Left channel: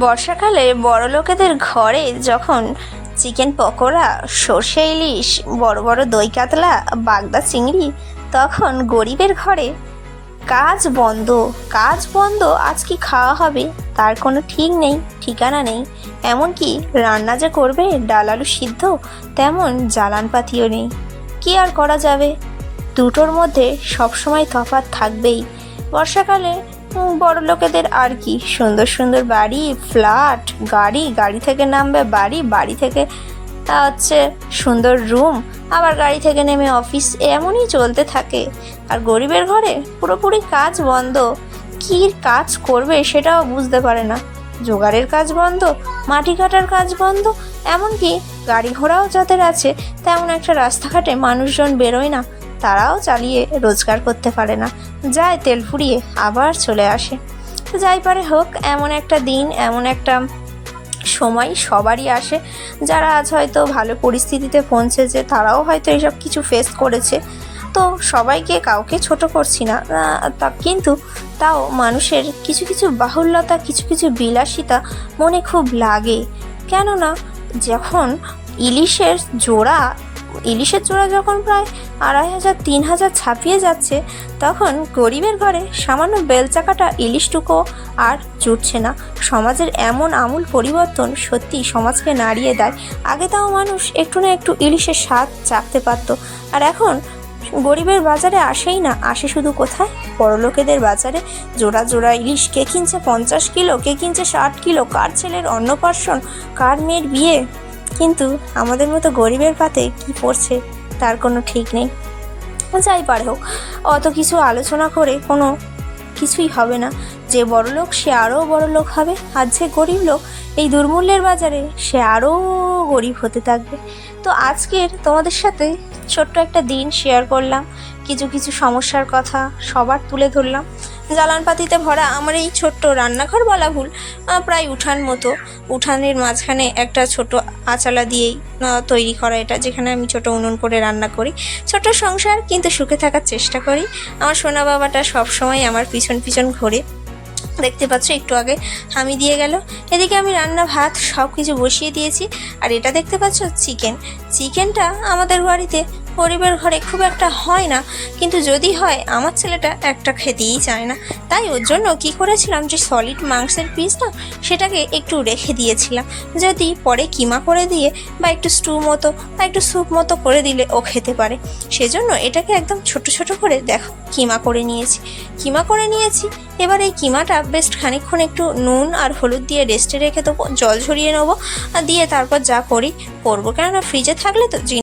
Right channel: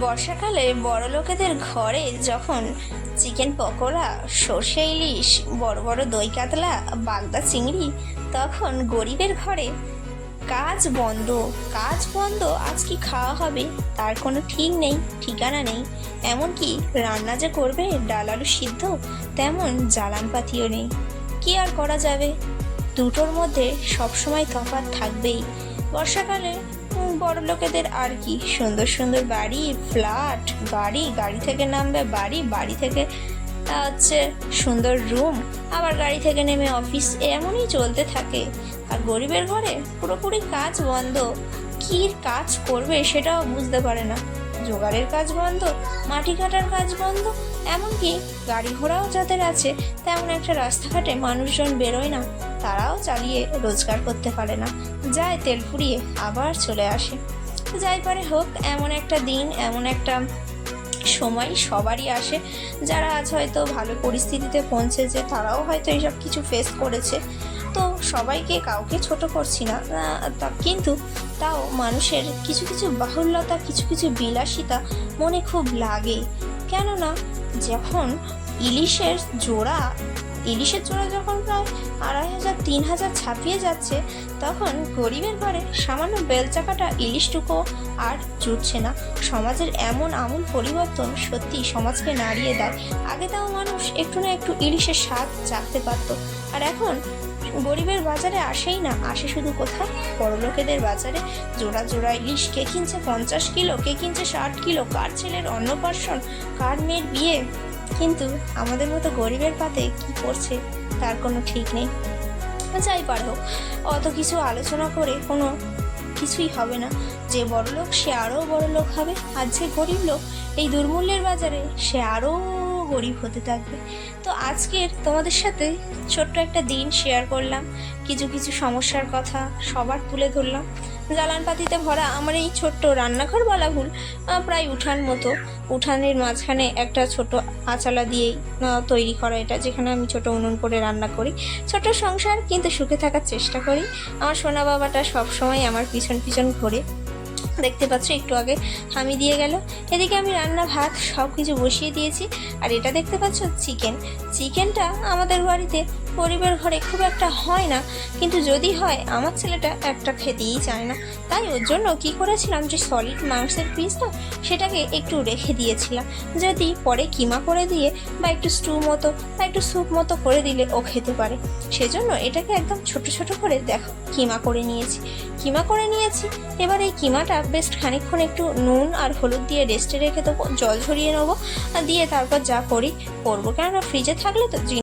বর্ষাকালে বড় লোকেদের ঘরে যখন চিকেন পকোড়া, সর্ষে ইলিশ, বড় বড় দই কাতলা, বাগদা চিংড়ি, তখন গরিবের ঘরে, কাজ বন্ধ কাজ বন্ধ, আজ কি খাওয়া হবে? তার কোনো ঠিক নেই, ঠিকানা নেই। এমনকি রান্না যে করবে, ডাল আলু সিদ্ধ, তেমন জ্বালান পাতিও নেই। কি আর করা যাবে? দুটোর মধ্যে সবসময় তফাৎ থাকবেই। বর্ষাকালে বড় লোকেদের আর কি? সুন্দর সুন্দর বাড়ি ফ্ল্যাট গাড়ি গাড়ি থেকে নামবে বাড়ি বাড়ি থেকে হচ্ছে সুন্দর রুম আবার গাড়ি থেকে নেমে অফিস এমনই চলতে থাকে। আর গরিবের ঘরে পুরোপুরি কাজ বন্ধ। কী কাজ করবে সেটাও বুঝতে পারে না। জোগাড়ের কাজ বন্ধ, মাটি কাটার কাজ বন্ধ, এমনকি গাড়ি ঘোড়াও যাদের আছে, তেমন একটা রাস্তাঘাটে মানুষজন বেরোয় না। তারাও চালিয়ে রোজগার করতে পারে না। যায় তেল ফুরিয়ে আবার চলে আসে। তো যাই পারে হোক, এমন একটা দিন, এমন একটা সময় সবারই আসে। যারা আজ হয়তো ভালো পরিস্থিতিতে পৌঁছেছে, তারাও হয়তো এসব কিছু ফেস করেছে। তো সবাইকে কাউকে ছোট করছি না, তা কিন্তু তাও মানুষের কিছু কিছু বাহুল্যতা, কিছু কিছু বিলাসিতা মনে খুব লাগে। কেননা, যখন ইলিশের জোড়া ইলিশের জোড়া যখন প্রায় আড়াই হাজার, তিন হাজার ছাপিয়ে যাচ্ছে, তখন গরিবের ঘরে সামান্য বেলচাকাটা ইলিশটুকু আর জুটছে না। সমাজের এমন আমূল পরিবর্তন সত্যি সমাজকে নাড়িয়ে দেয়। আগে তাও মানুষ একটু না একটু ইলিশের স্বাদ চাকতে পারত। আর এখন গরিবের বাজারে আসেই না, আসে শুধু কোথায়? বড়লোকেদের বাজারে। জোড়া জোড়া ইলিশ, কে কিনছে পঞ্চাশ কিলো, কে কিনছে ষাট কিলো, কার ছেলের অন্নপ্রাশন, কার মেয়ের বিয়ে? কিন্তু আমাদের মতো গরিবের পাতে কি পড়ছে, তার কোনো ঠিক নেই। যাই পারে হোক, অত কিছু আলোচনা করে কোনো কিছুই হবে না। যে বড় লোক, সে আরও বড় লোক হবে, আর যে গরিব লোক, এই দুর্মূল্যের বাজারে সে আরও গরিব হতে থাকবে। তো আজকের তোমাদের সাথে ছোট্ট একটা দিন শেয়ার করলাম। কিছু কিছু সমস্যার কথা সবার তুলে ধরলাম। জ্বালানপাতিতে ভরা আমার এই ছোট্ট রান্নাঘর বলা ভুল প্রায় উঠান মতো। উঠানের মাঝখানে একটা ছোট আচালা দিয়েই তৈরি করা এটা, যেখানে আমি ছোট উনুন করে রান্না করি। ছোট সংসার, কিন্তু সুখে থাকার চেষ্টা করি। আমার সোনা বাবাটা সবসময় আমার পিছন পিছন ঘোরে। দেখতে পাচ্ছ, একটু আগে হামি দিয়ে গেল। এদিকে আমি রান্না, ভাত সব কিছু বসিয়ে দিয়েছি। আর এটা দেখতে পাচ্ছ, চিকেন। চিকেনটা আমাদের বাড়িতে পরিবার ঘরে খুব একটা হয় না। কিন্তু যদি হয়, আমার ছেলেটা একটা খেতেই চায় না। তাই ওর জন্য কি করেছিলাম যে সলিড মাংসের পিস না, সেটাকে একটু রেখে দিয়েছিলাম। যদি পরে কিমা করে দিয়ে বা একটু স্টু মতো বা একটু স্যুপ মতো করে দিলে ও খেতে পারে। সেজন্য এটাকে একদম ছোট ছোট করে দেখো, কিমা করে নিয়েছি। কিমা করে নিয়েছি, এবার এই কিমাটা বেশ খানিকক্ষণ একটু নুন আর হলুদ দিয়ে রেস্টে রেখে দেবো, জল ঝরিয়ে নেব, আর দিয়ে তারপর যা করি করব। কেননা ফ্রিজে থাকলে তো